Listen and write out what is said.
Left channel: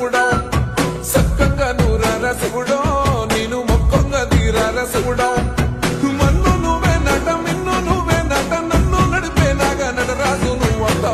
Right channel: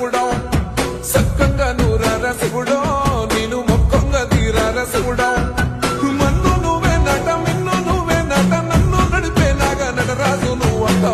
శివుడో సక్కంగా నూరార శివుడో నేను మొక్కంగా తీరార శివుడో మన్ను నువ్వే నట మిన్ను నువ్వే నట నన్ను నడిపే నాగా నటరాజు నువ్వంటో